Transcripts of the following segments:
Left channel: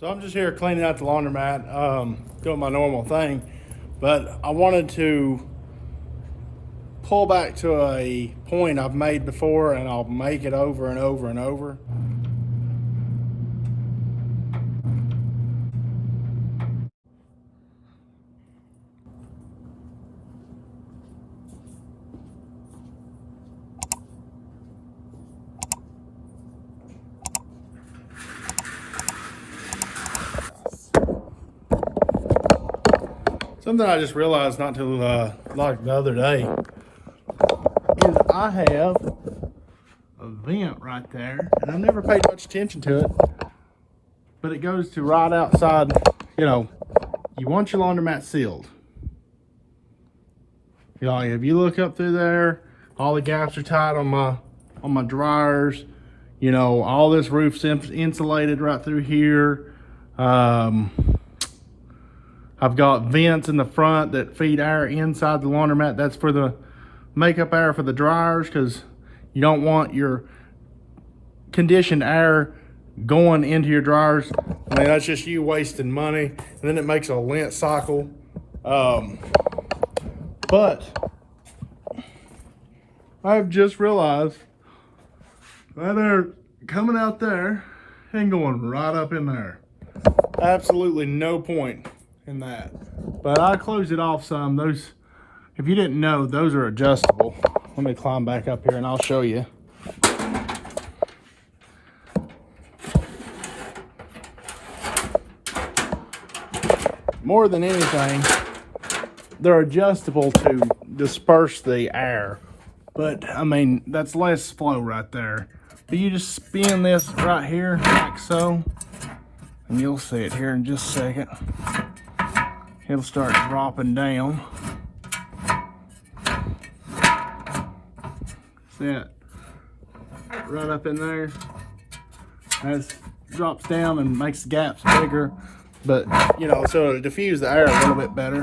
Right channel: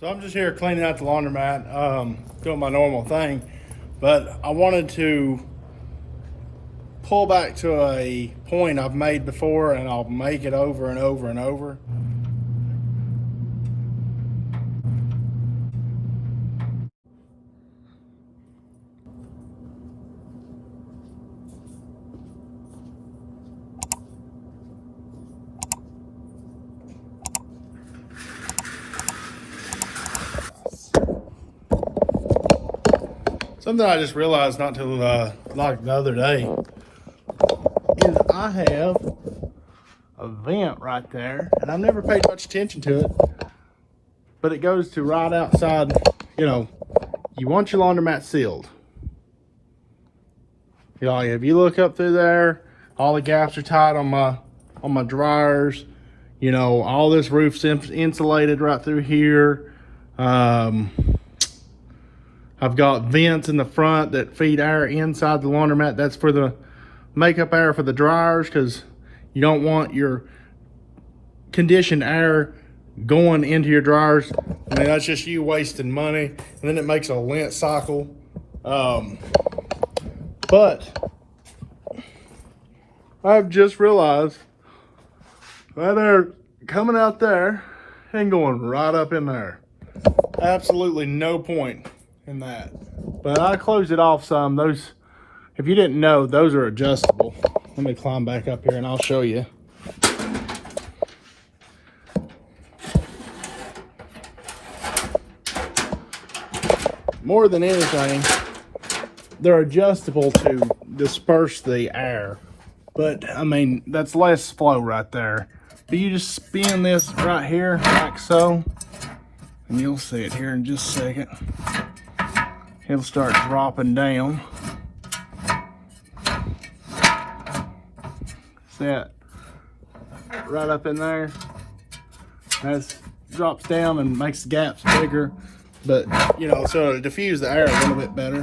So I'm just here cleaning out the laundromat, doing my normal thing, but I wanted to pull back to a point I've made before, and I'll make it over and over and over. Something I just realized not till like the other day is I have a vent right there, and I've never paid much attention to it, but it goes to right outside. You know, you want your laundromat sealed. You know, if you look up through there, all the gaps are tight on my dryers. You know, all this roof's insulated right through here. I've got vents in the front that feed air inside the laundromat. That's for the makeup air for the dryers, because you don't want your conditioned air going into your dryers. I mean, that's just you wasting money, and then it makes a lint cycle. But I've just realized that air coming out there and going right up in there. Absolutely no point in that. But I closed it off some. Those, if you didn't know, those are adjustable. Let me climb back up here and I'll show you. More than anything, they're adjustable to disperse the air. But I mean, that's less flow right there. But you just spin this right here like so, and you'll see it here in just a second. It'll start dropping down. See that? Right up in there. That drops down and makes the gaps bigger. But, you know, so to diffuse the air a little bit better.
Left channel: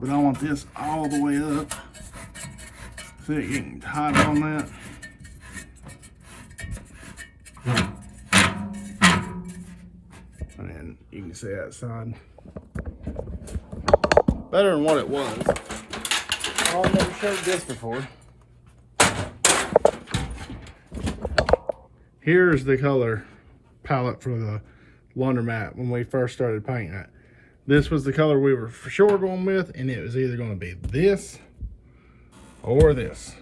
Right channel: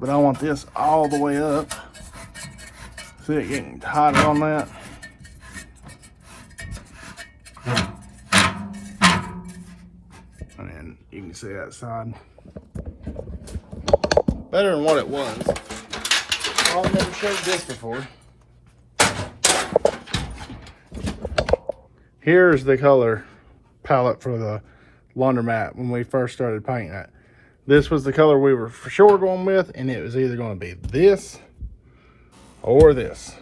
But I want this all the way up. See it getting tighter on that. And you can see that side. Better than what it was. Well, I've never showed this before. Here's the color palette for the laundromat when we first started painting it. This was the color we were for sure going with, and it was either going to be this or this.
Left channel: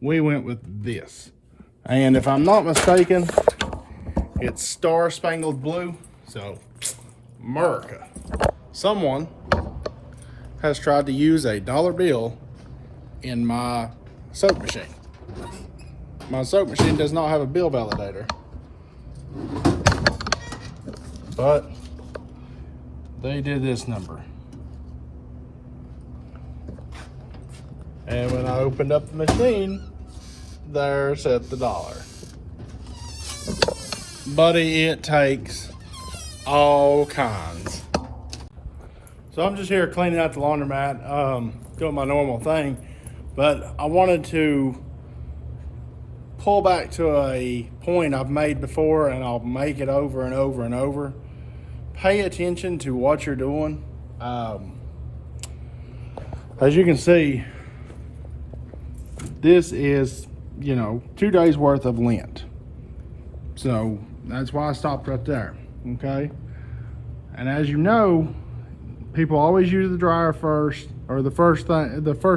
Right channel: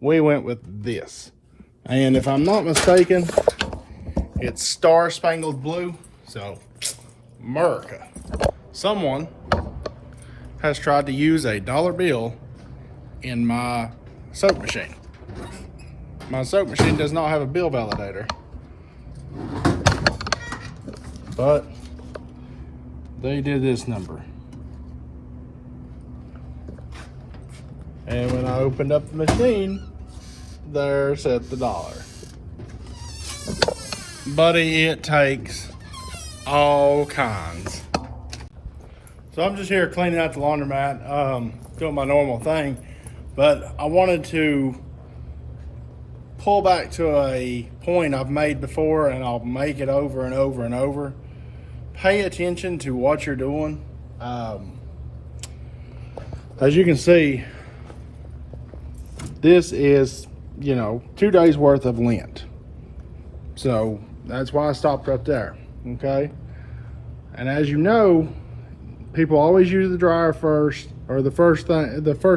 We went with this. And if I'm not mistaken, it's Star Spangled Blue. So, America. Someone has tried to use a dollar bill in my soap machine. My soap machine does not have a bill validator, but they did this number. And when I opened up the machine, there said the dollar. Buddy, it takes all kinds. So I'm just here cleaning out the laundromat, doing my normal thing, but I wanted to pull back to a point I've made before, and I'll make it over and over and over. Pay attention to what you're doing. As you can see, this is, you know, 2 days worth of lint. So that's why I stopped right there, okay? And as you know, people always use the dryer first, or the first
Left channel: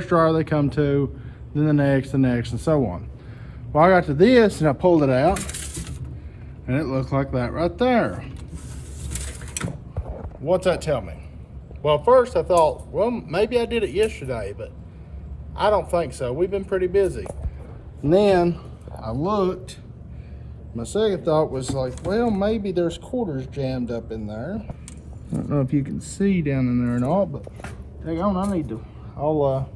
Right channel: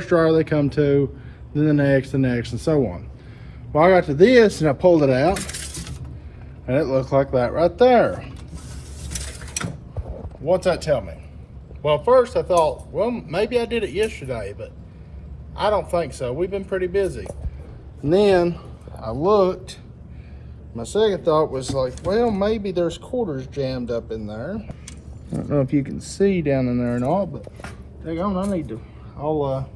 dryer they come to, then the next, and so on. Well, I got to this and I pulled it out, and it looked like that right there. What's that tell me? Well, first I thought, well, maybe I did it yesterday, but I don't think so. We've been pretty busy. And then I looked. My second thought was like, well, maybe there's quarters jammed up in there. I don't know if you can see down in there and all, but hang on, I need to. I'll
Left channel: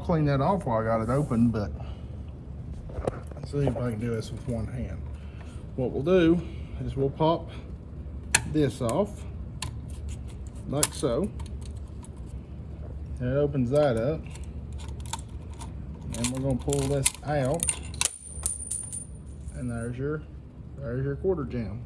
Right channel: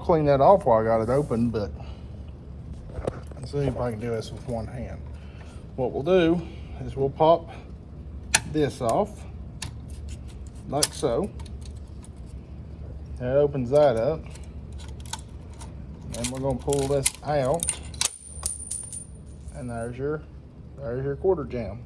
clean that off while I got it open, but let's see if I can do this with one hand. What we'll do is we'll pop this off like so. That opens that up. And we're gonna pull this out. And there's your quarter jam.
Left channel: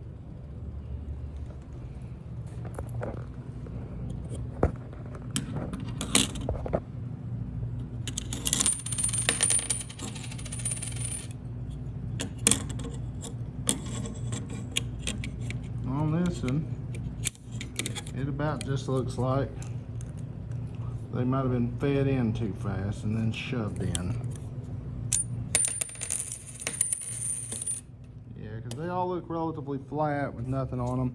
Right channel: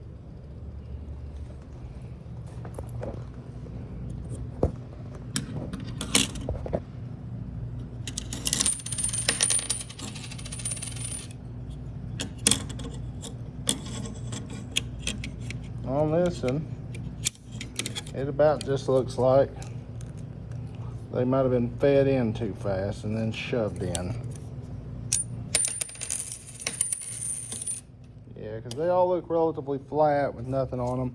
On this one, it about just looks like they might have been fed in too fast and then shoved in. Yeah, because they all look relatively flat with nothing on them.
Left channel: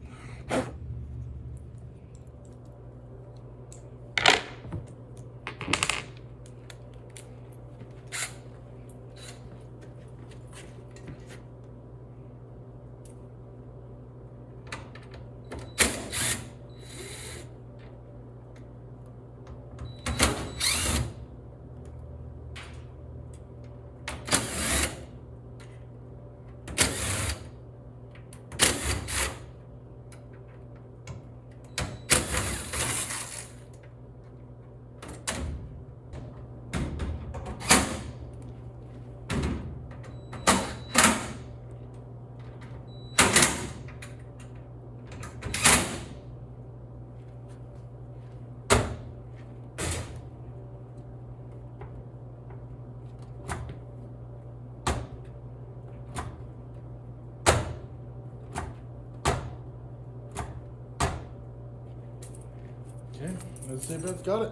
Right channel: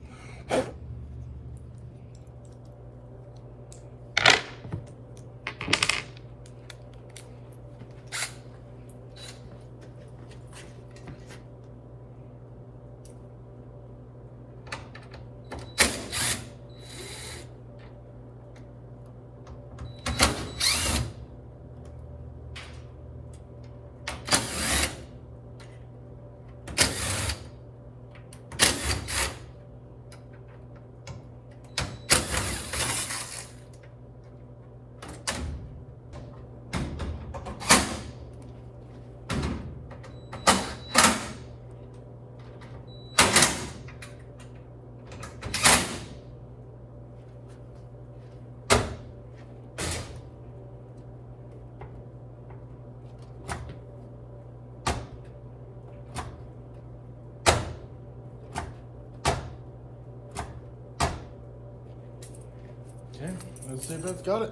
Okay, let's see if it's got it.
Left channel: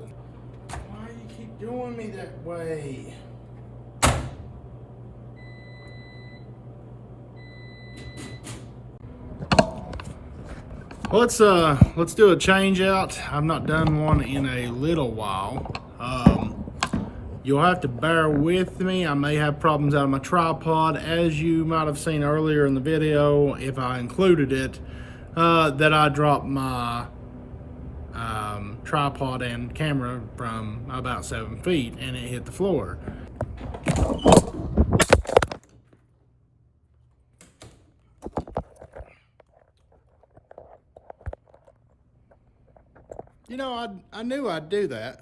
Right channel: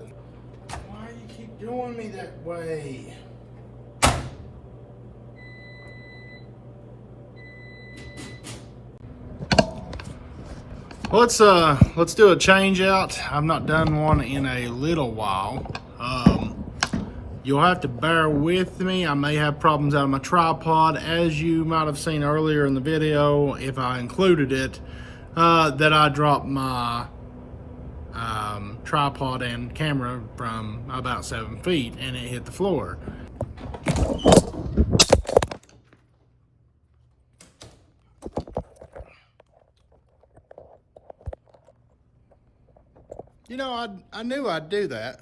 Why do you keep doing me that way? Let's do a change out. I've not done one in a little while. You'll have to bear with me. I may have problems out of my tripod, as you might have seen earlier in the video, if I included it, that I dropped my tripod and camera from about 7 feet and it hit the floor. You know, I knew I'd do that.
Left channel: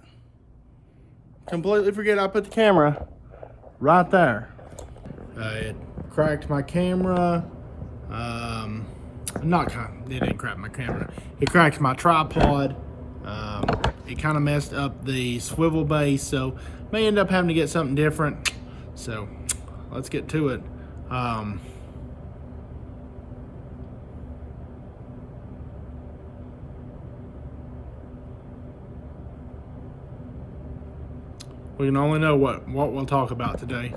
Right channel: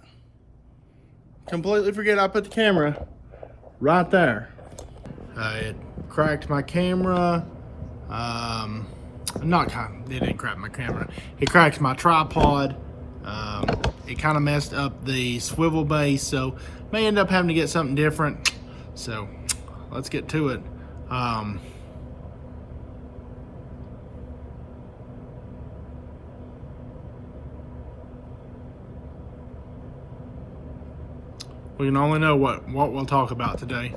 Completely forget I put the camera right there. It cracked my camera. It didn't crack my camera. It cracked my tripod. It kind of messed up the swivel base, so may end up having to get something different. So let's get to it. We can only know what we'll talk about today.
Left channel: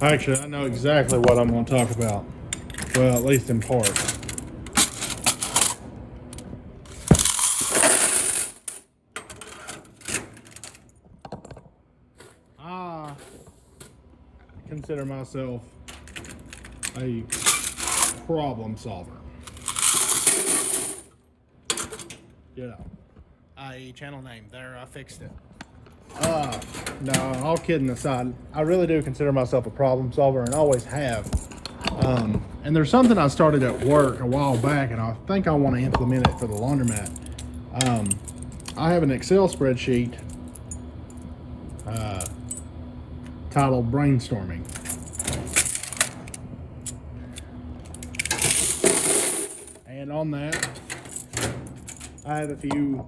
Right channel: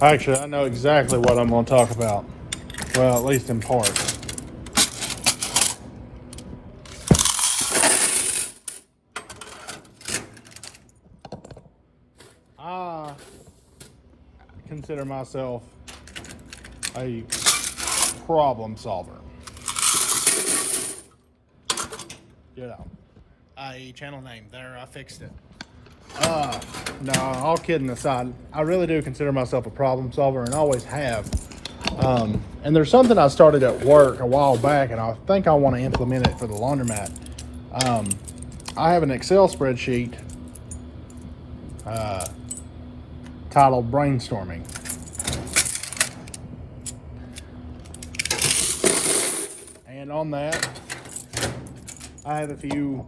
Actually, I know exactly what I'm going to talk about. Well, at least in part. I consider myself a problem solver. You know, a channel name there, I fixed it. No, all kidding aside, I really do consider myself a problem solver and always have. And there's something I started at work a while back, and I think I want to implement it for the laundromat. I have an Excel spreadsheet titled Brainstorming. And on that, I have a few,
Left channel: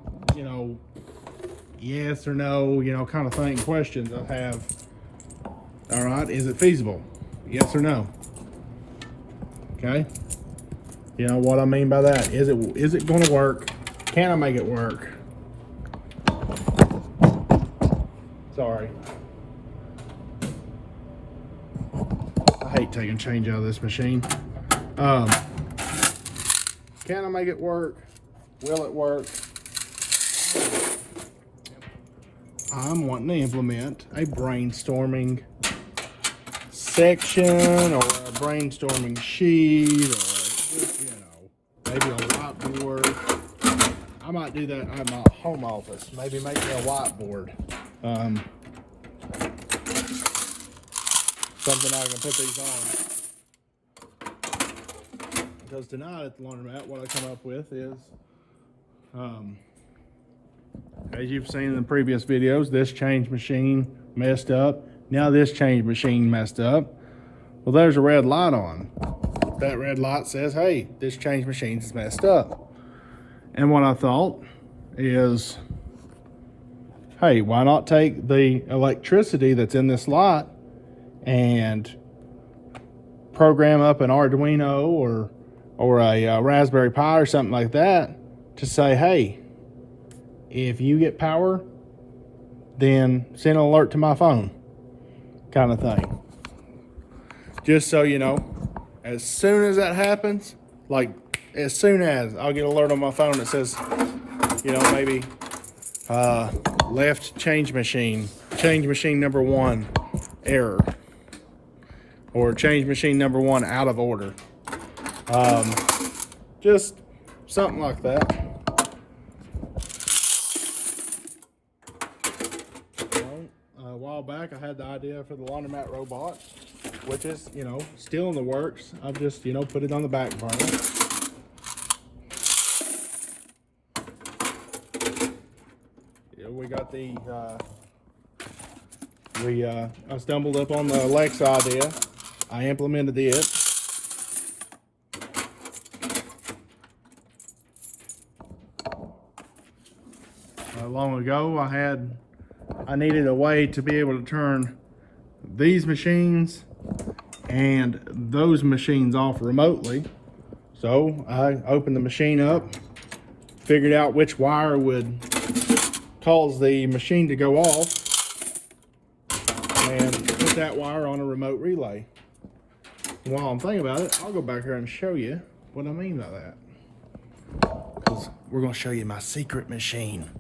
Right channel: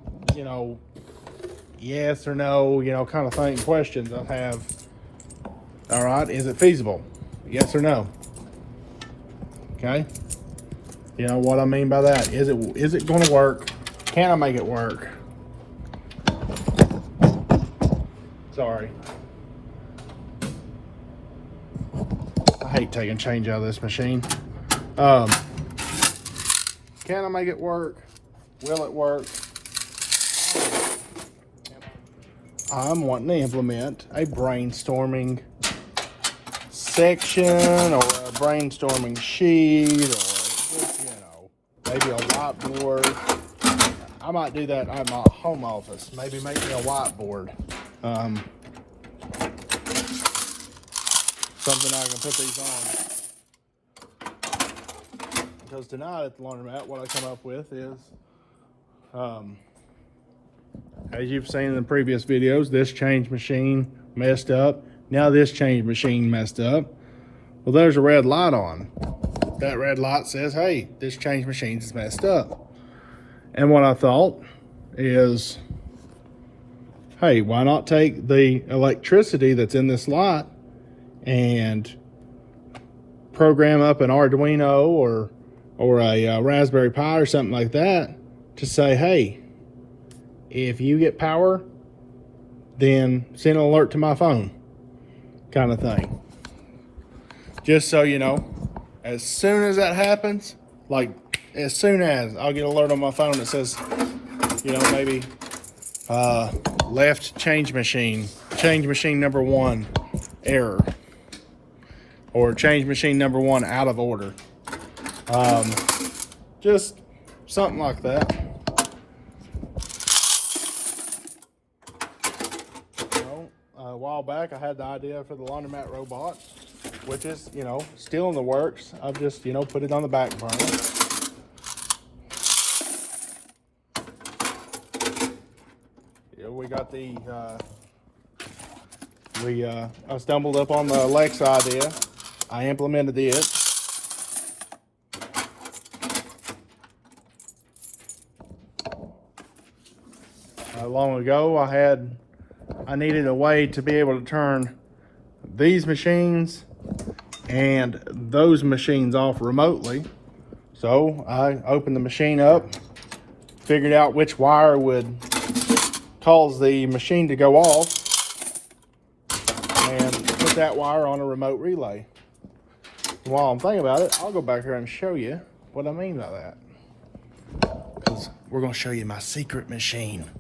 yes or no, kind of thing, questions I have. All right, is it feasible? Yes or no? Okay. You know what I mean by that? Is it going to work? Can I make it work? Sorry. I hate taking change out of this machine. Can I make it work? Will it work? I'm wanting to implement a brainstorming section or a brainstorming sheet, or just, maybe a whiteboard. I might do that at my home office. Maybe make it a whiteboard. something I can put these on. Because tonight at the laundromat, what I come up with is, as you've seen in the previous videos, this change machine messed up. Now this change machine messed up. Well, there's a red light on. That red light says, hey, this change machine's messed up. And what I thought is, hey, why not take the electricity that's in this light and program up an Arduino or a Raspberry Pi or something like that to say, hey, if you get power, then send an alert to my phone, kind of thing. Just so you know, as soon as that happens, like as soon as I'll get an alert on my phone that says, you know, maybe left change machine number 1 error, or change machine number 1 out of order. Just something like that. A while back I had the idea for the laundromat robot, which is, you know, still in the works. I've just, you know, put it on the back burner. Yeah, we got the I stumbled up on the Alexa idea. I implemented it. Long ago I needed a way to be able to turn these machines and those machines off remotely. So I opened the machine up, figured out which wire would cause the machine to go off, and put that wire on a remote relay. And while I'm thinking about it, I'll go back here and show you what I mean by that. 'Cause we're gonna show you my secret machine.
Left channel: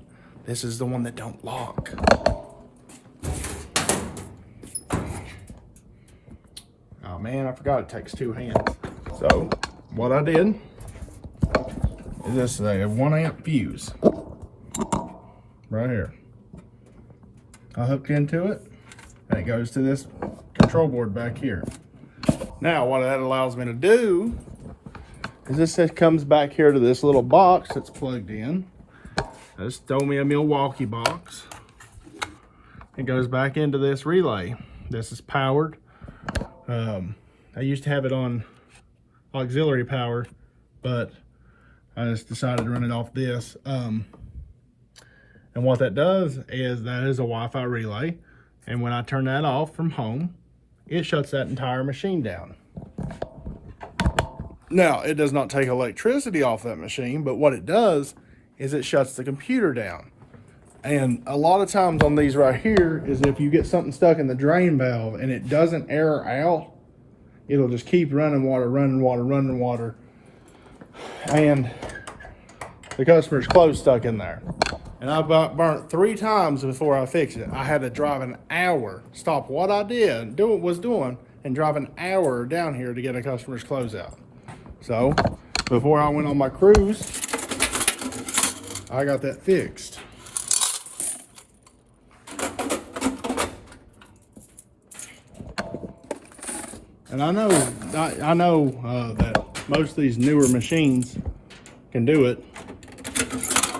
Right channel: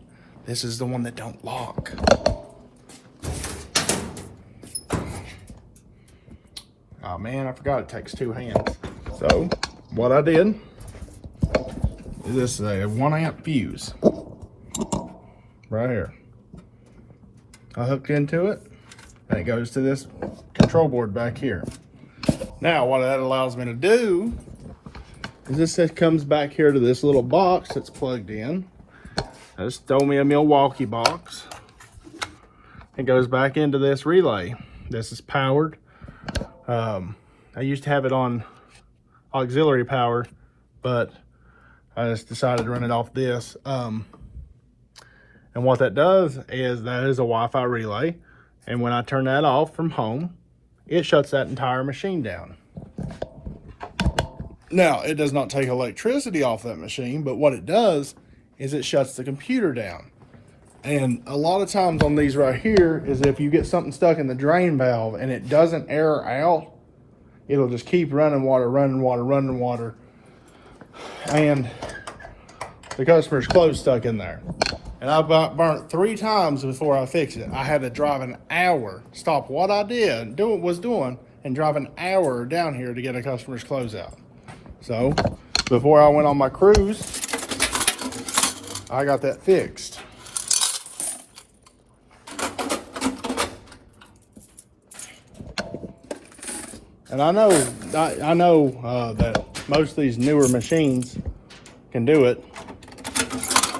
This is the one that don't lock. Oh man, I forgot it takes 2 hands. So what I did is this is a 1 amp fuse right here. I hooked into it and it goes to this control board back here. Now what that allows me to do is this comes back here to this little box that's plugged in. I just throw me a Milwaukee box. It goes back into this relay. This is powered. I used to have it on auxiliary power, but I just decided to run it off this. And what that does is that is a Wi-Fi relay. And when I turn that off from home, it shuts that entire machine down. Now, it does not take electricity off that machine, but what it does is it shuts the computer down. And a lot of times on these right here is if you get something stuck in the drain valve and it doesn't air out, it'll just keep running water, and the customer's clothes stuck in there. And I burnt 3 times before I fixed it. I had to drive an hour, stop what I was doing, and drive an hour down here to get a customer's clothes out. So before I went on my cruise, I got that fixed. And I know that most of these newer machines can do it,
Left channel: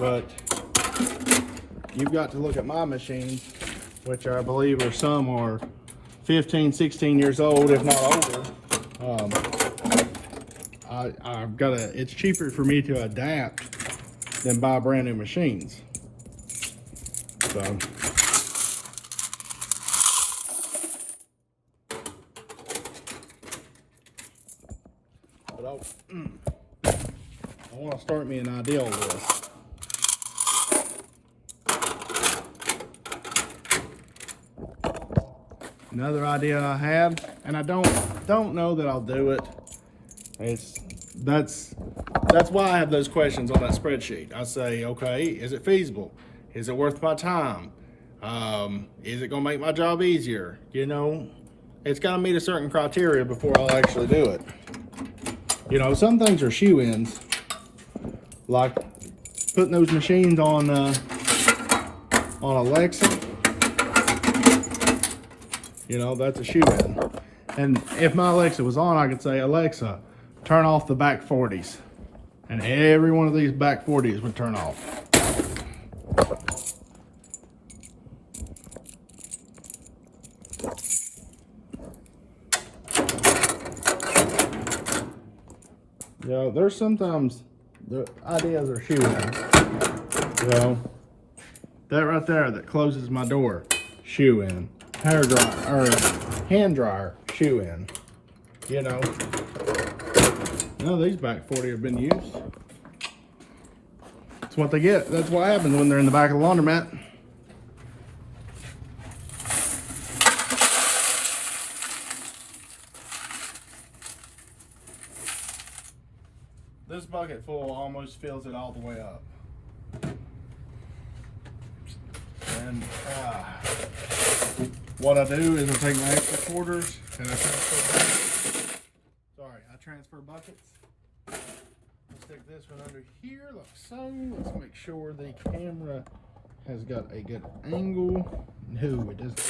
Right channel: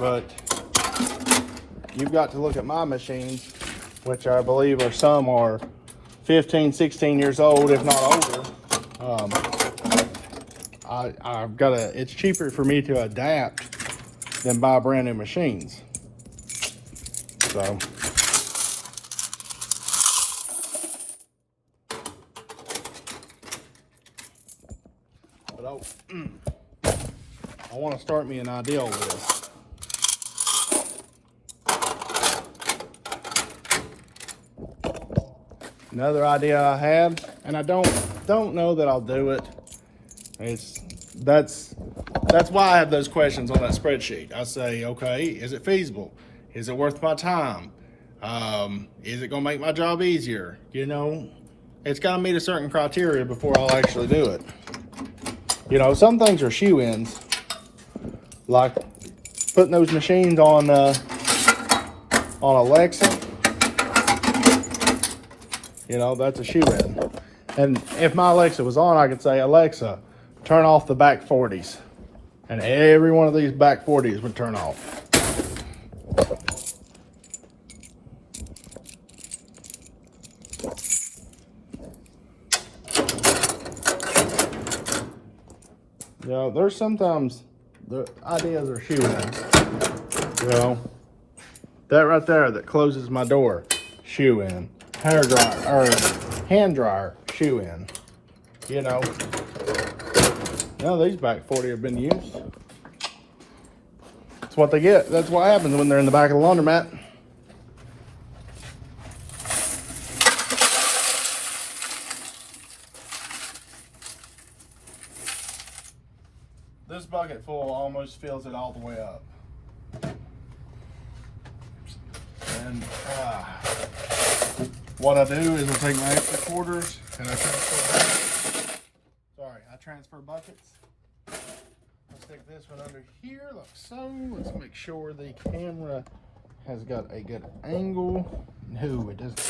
but you've got to look at my machines, which I believe some are 15, 16 years old, if not older. It's cheaper for me to adapt than buy brand new machines. So. I want to start me an idea with this. Another idea I had, and I don't know that I'll do it. That's why I have those questions on that spreadsheet. I say, okay, is it feasible? Is it worth my time? Is it gonna make my job easier? You know, it's gotta meet a certain criteria before I'll actually do it. You know, some things are shoe-ins, like putting those machines on Alexa. You know, that's a shoe-in. And if my Alexa was on, I could say, Alexa, turn off the back 40s. And every one of these back 40s would turn off. You know, there's sometimes the ideas are shoe in. You know, that right there that closes my door, shoe in. Hair dryer or hand dryer, shoe in. You know, no, these back 40 have been used. That's what they get. That's what happens when they're in the back of the laundromat. This bucket full almost fills it all the way up. And what I do is I take my extra quarters and I transfer buckets. I'll stick this one under here like so. Let's make sure the camera has got a good angle. No, it doesn't.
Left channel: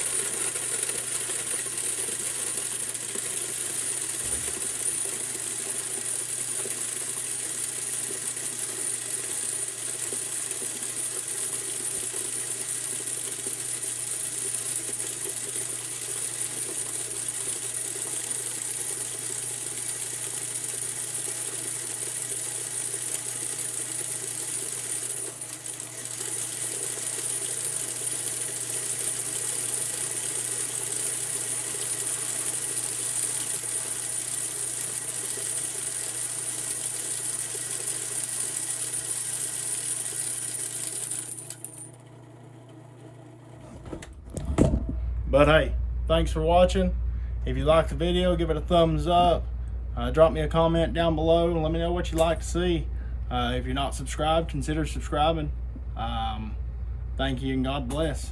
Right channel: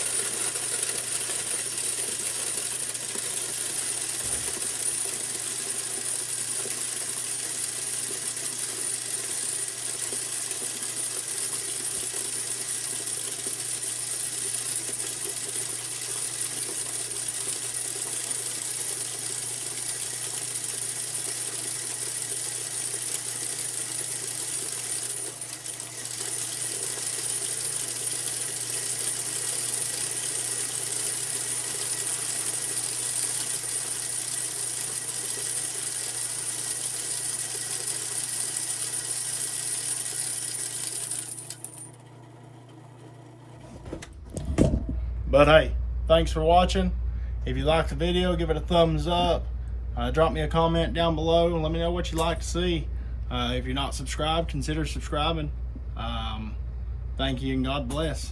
But hey, thanks for watching. If you liked the video, give it a thumbs up. Drop me a comment down below and let me know what you'd like to see. If you're not subscribed, consider subscribing. Thank you and God bless.